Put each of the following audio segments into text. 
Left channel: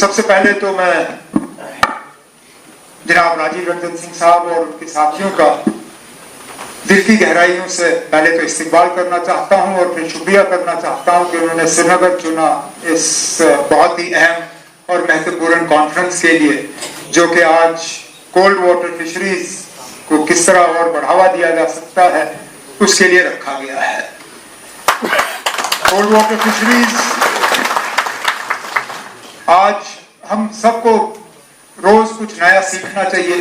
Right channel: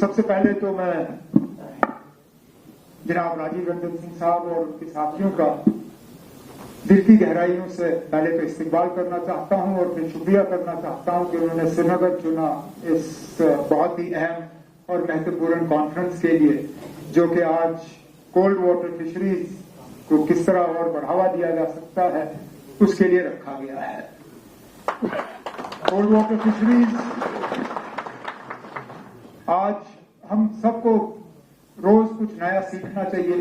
सबसे पहले तो मैं जनाब राजीव रंजन सिंह साहब और उनके साथियों का दिल की गहराइयों से पहले तो इस्तकबाल करना चाहता हूं और फिर शुक्रिया करना चाहता हूं कि उन्होंने श्रीनगर चुना इस बहुत ही अहम और महत्वपूर्ण कॉन्फ्रेंस के लिए, जो कि आज कोल्ड वाटर फिशरीज को किस तरह और बढ़ावा दिया जा सकता है उसके लिए रखा गया है। कोल्ड वाटर फिशरीज आज हम सबको रोज कुछ नया सीखना चाहिए।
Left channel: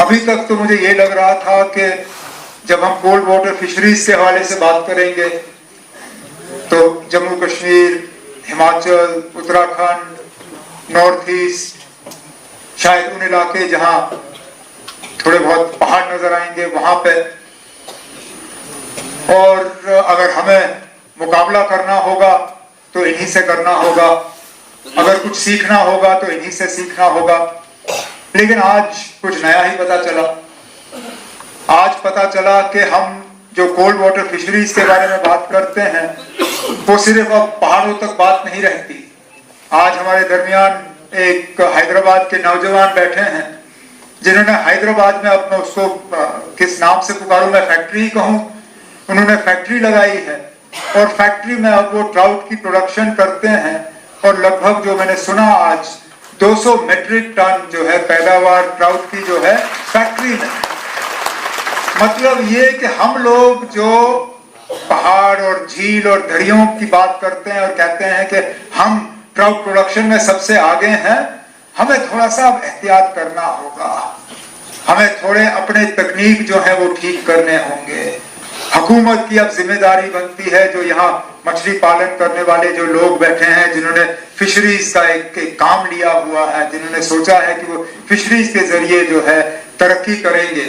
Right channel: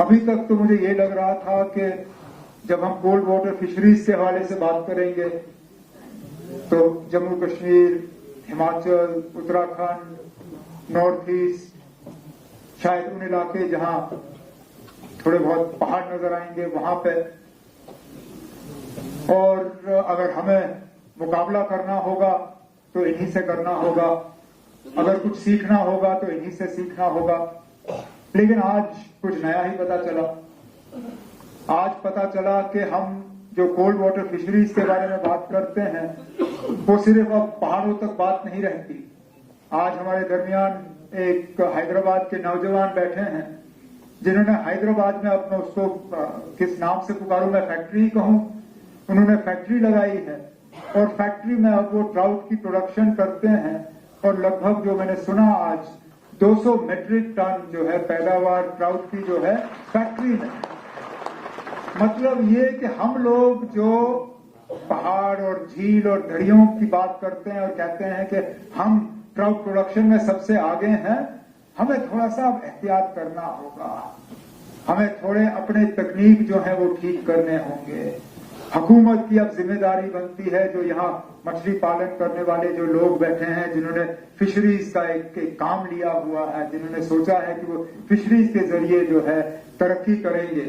अभी तक तो मुझे ये लग रहा था कि जब हम कोल्ड वाटर फिशरीज के हवाले से बात करेंगे तो जम्मू कश्मीर, हिमाचल, उत्तराखंड, नॉर्थ ईस्ट, शायद उन इलाके जहां थोड़े बहुत पहाड़ नजर आएंगे वहां पे, और अगर हमें मुकाबला करना होगा तो इन्हीं से करना होगा, अगर कुछ सीखना होगा तो इन्हीं से सीखना होगा। लेकिन आज कुछ नया ही पता चला। आज पता चला कि हम जो कोल्ड वाटर फिशरीज के बारे में बात करते हैं वो सिर्फ अब पहाड़ों तक बात नहीं रहती। आज हमारे दरमियान एक हैदराबाद के नौजवान बैठे हैं जिन्होंने हैदराबाद में अपना उसको किस नाम से पुकारूं, मैं फैक्ट्री कहूं, उन्होंने फैक्ट्री लगाई है और फैक्ट्री में अब वो ट्राउट की प्रोडक्शन करते हैं और लगभग जो मैंने सुना आज 200 मेट्रिक टन जो है पैदावार ट्राउट की जो है फैक्ट्री में। मतलब ये कि हम लोग जो पहाड़ और झील और दरियों की बात करते हैं और कहते हैं कि हम ट्राउट प्रोडक्शन में सबसे आगे हैं, हमें थोड़ा सा अब एहतियात करना होगा। हमें थोड़े अपने तकनीक जो है वो ठीक करने होंगे। हुकूमत की अब जिम्मेदारी बनती है, जो यहाँ मछली पालन करने वाले जो लोग बैठे हैं, जिन्होंने फिशरीज का एक काम लिया हुआ है, जिन्होंने सोचा है कि वो फिशरीज के जरिए जो है तरक्की करेंगे,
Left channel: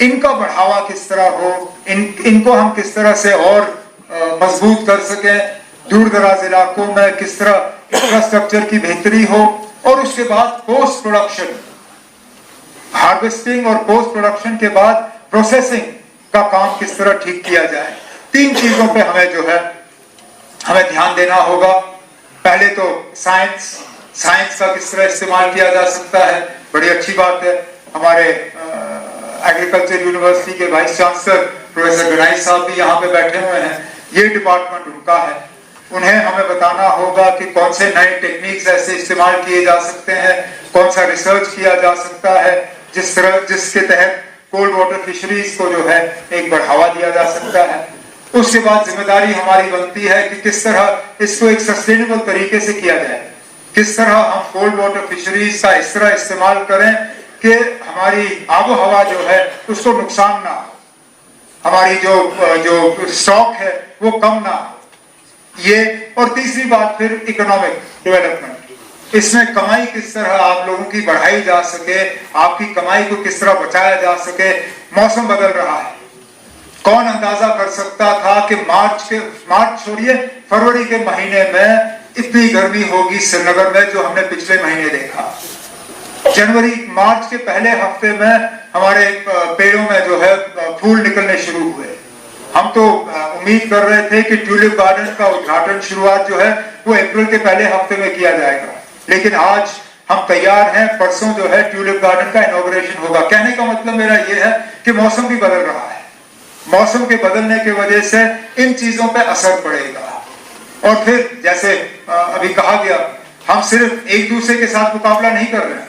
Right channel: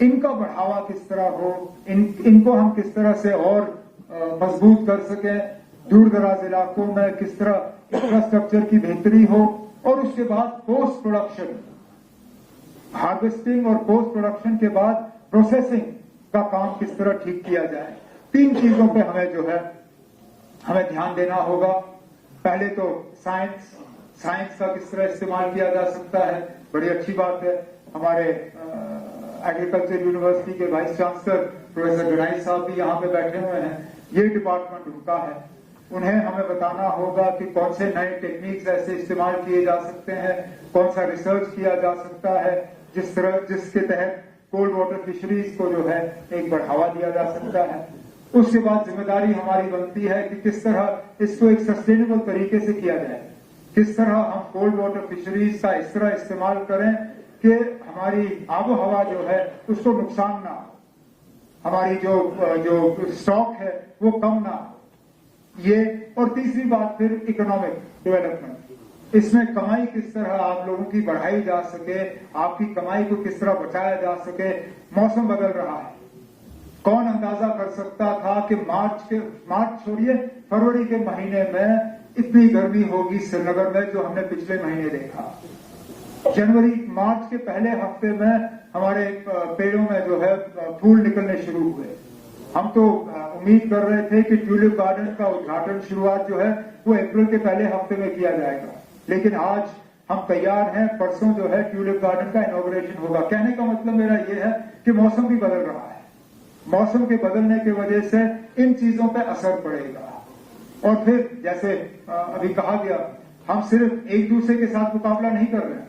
इनका बढ़ावा किस तरह हो, इनको हम किस तरह से और मजबूत कर सकें, दूर दराज इलाकों में किस तरह इंफ्रास्ट्रक्चर की बेहतरी हो, और उसके बाद पोस्ट प्रोडक्शन, हार्वेस्टिंग और पोस्ट प्रोडक्शन के बाद प्रोसेसिंग का काम किस तरह ठीक किया जाए। 3 चीजों पे हमें जो है हमें ध्यान देना होगा। पहले तो साइंस का किस तरह इस्तेमाल किया जा सकता है। बड़ी अच्छी बात है, हमारे एग्रीकल्चर यूनिवर्सिटी के वाइस चांसलर प्रोफेसर गनाई साहब भी यहाँ पे बैठे हुए हैं। ये डिपार्टमेंट उनका है, उन्हें हमें बताना होगा कि कौन से नए टेक्निक्स ऐसे इस्तेमाल किए जा सकते हैं, कौन सा रिसर्च किया जा सकता है जिसके तहत कोल्ड वाटर फिशरीज को जो है एक बढ़ावा दिया जा सकता है। उसके बाद जिम्मेदारी हमारी बनती है कि किस तरह इसको एक सस्टेनेबल तरीके से किया जाए, किस तरह हम कोल्ड वाटर फिशरीज का इस तरह इस्तेमाल करें कि हमारी आबो हवा जो है उसको नुकसान ना हो, हमारी जो स्टॉक है वो कम ना हो। ये, और तीसरी बात फिर इकोनॉमिक डेवलपमेंट, इसमें कमाई किस तरह आप लोगों की बढ़ाई जा सके, आपकी कमाई को किस तरह बचाया जा सके। मौसम बदल रहा है, कौन अंदाजा कर सकता था कि मार्च छोड़िए फरवरी के महीने में इतनी गर्मी होगी श्रीनगर में जो हमने पिछले महीने देखा। मार्च के पहले हफ्ते में हमारे पेड़ों में जो है फूल निकलने शुरू हुए। हम तो उम्मीद कर रहे थे कि ट्यूलिप गार्डन का उद्घाटन शुरुआत जो है वो अप्रैल के पहले हफ्ते में किया जाएगा, लेकिन आज हम तैयार हैं, परसों जो है ट्यूलिप गार्डन का इनॉग्रेशन होगा। कहने का मतलब मेरा ये है कि मौसम भी बदल रहा है, मौसम के बदलने की वजह से इन चीजों पे असर पड़ेगा। और फिर जैसे अभी कहा गया, हम सिर्फ एक दूसरे के साथ मुकाबला नहीं कर रहे हैं।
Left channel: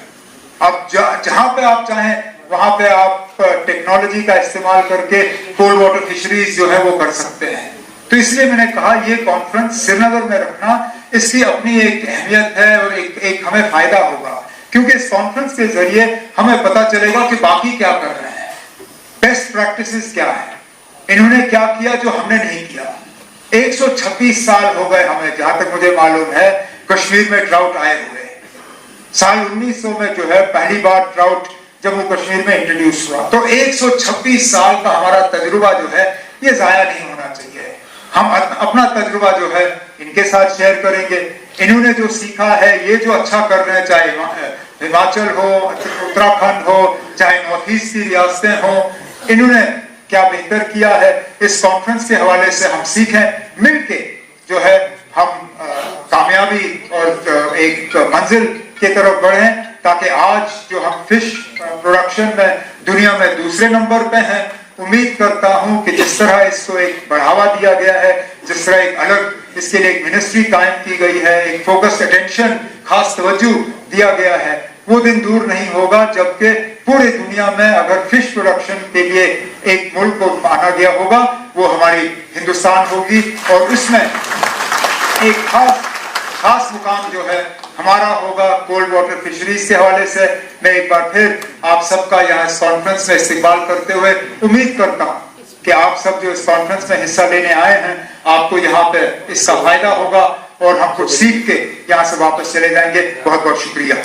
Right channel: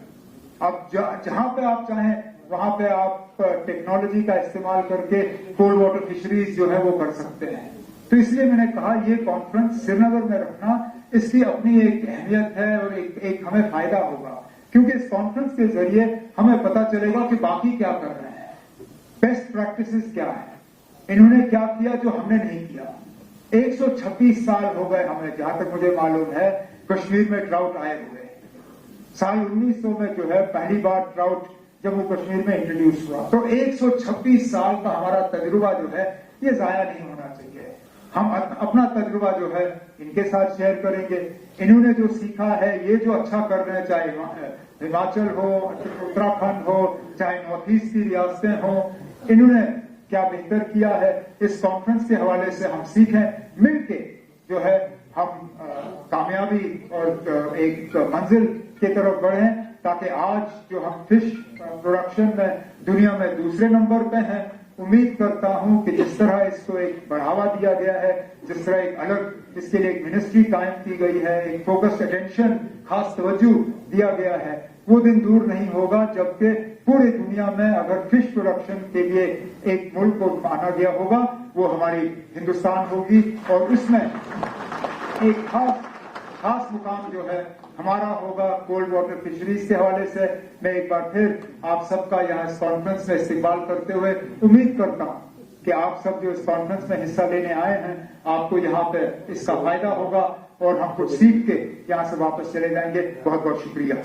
अब जहां पे आप चाहें वहां पे आप टेक्नोलॉजी का इस्तेमाल करके कोल्ड वाटर फिशरीज जो है वो कर सकते हैं। तो इसलिए मैंने कहा ये कॉन्फ्रेंस श्रीनगर में रखना, इसकी अपनी एक अहमियत है और एक हमें फायदा होगा, क्योंकि इस कॉन्फ्रेंस के जरिए हमें पता चलेगा कि बाकी क्या कर रहे हैं, बेस्ट प्रैक्टिसेस क्या है, इन्होंने क्या किया जो हमने नहीं किया। 126 साल हो गए हमें, जहां तक मुझे मालूम है, कश्मीर में ट्राउट आए हुए। साल 1900 में जो है पहली बार ट्राउट जम्मू कश्मीर में इंट्रोड्यूस हुआ। तो 126 साल का हमारा तजुर्बा जो है ये जाया नहीं होना चाहिए। हम अपना तजुर्बा जो है इनके साथ शेयर करेंगे। इन्होंने जो सीखा है, ये जो अच्छा कर रहे हैं, चाहे हिमाचल हो, उत्तराखंड हो, चाहे नॉर्थ ईस्ट की रियासतें हो, इन्होंने क्या बेहतर किया है, इस कॉन्फ्रेंस के हवाले से हम सीखें, मिलके जो है हम कामयाबी और एक मंजिल की तरफ बढ़े, ताकि आज जो हम फिश प्रोडक्शन में दुनिया में दूसरे नंबर पे हैं, उम्मीद करता हूं कि जिस तरह इसको एक बढ़ावा दिया गया है, जिस तरह एक अलग इसके लिए एक मिनिस्ट्री कायम की गई है, एक फोकस्ड अटेंशन, खास तवज्जो दिया गया है, वो दिन दूर नहीं होगा जबकि पूरी दुनिया में अगर फिश प्रोडक्शन के लिए एक मुल्क को माना गया होगा, वो हमारी हिंदुस्तान होगी। और उसमें एक खास मुकाम जो है हमारा होगा कोल्ड वाटर फिशरीज के हवाले से। मैं एक बार फिर आप सबका यहाँ इस कॉन्फ्रेंस में इस्तेमाल करते हुए उम्मीद करता हूँ कि आप सब जो इस कॉन्फ्रेंस में हिस्सा लेने आए हैं, आपको यहाँ पे इसका फायदा होगा और हम कुछ सीख के यहाँ से वापस चले जाएंगे। बहुत बहुत शुक्रिया।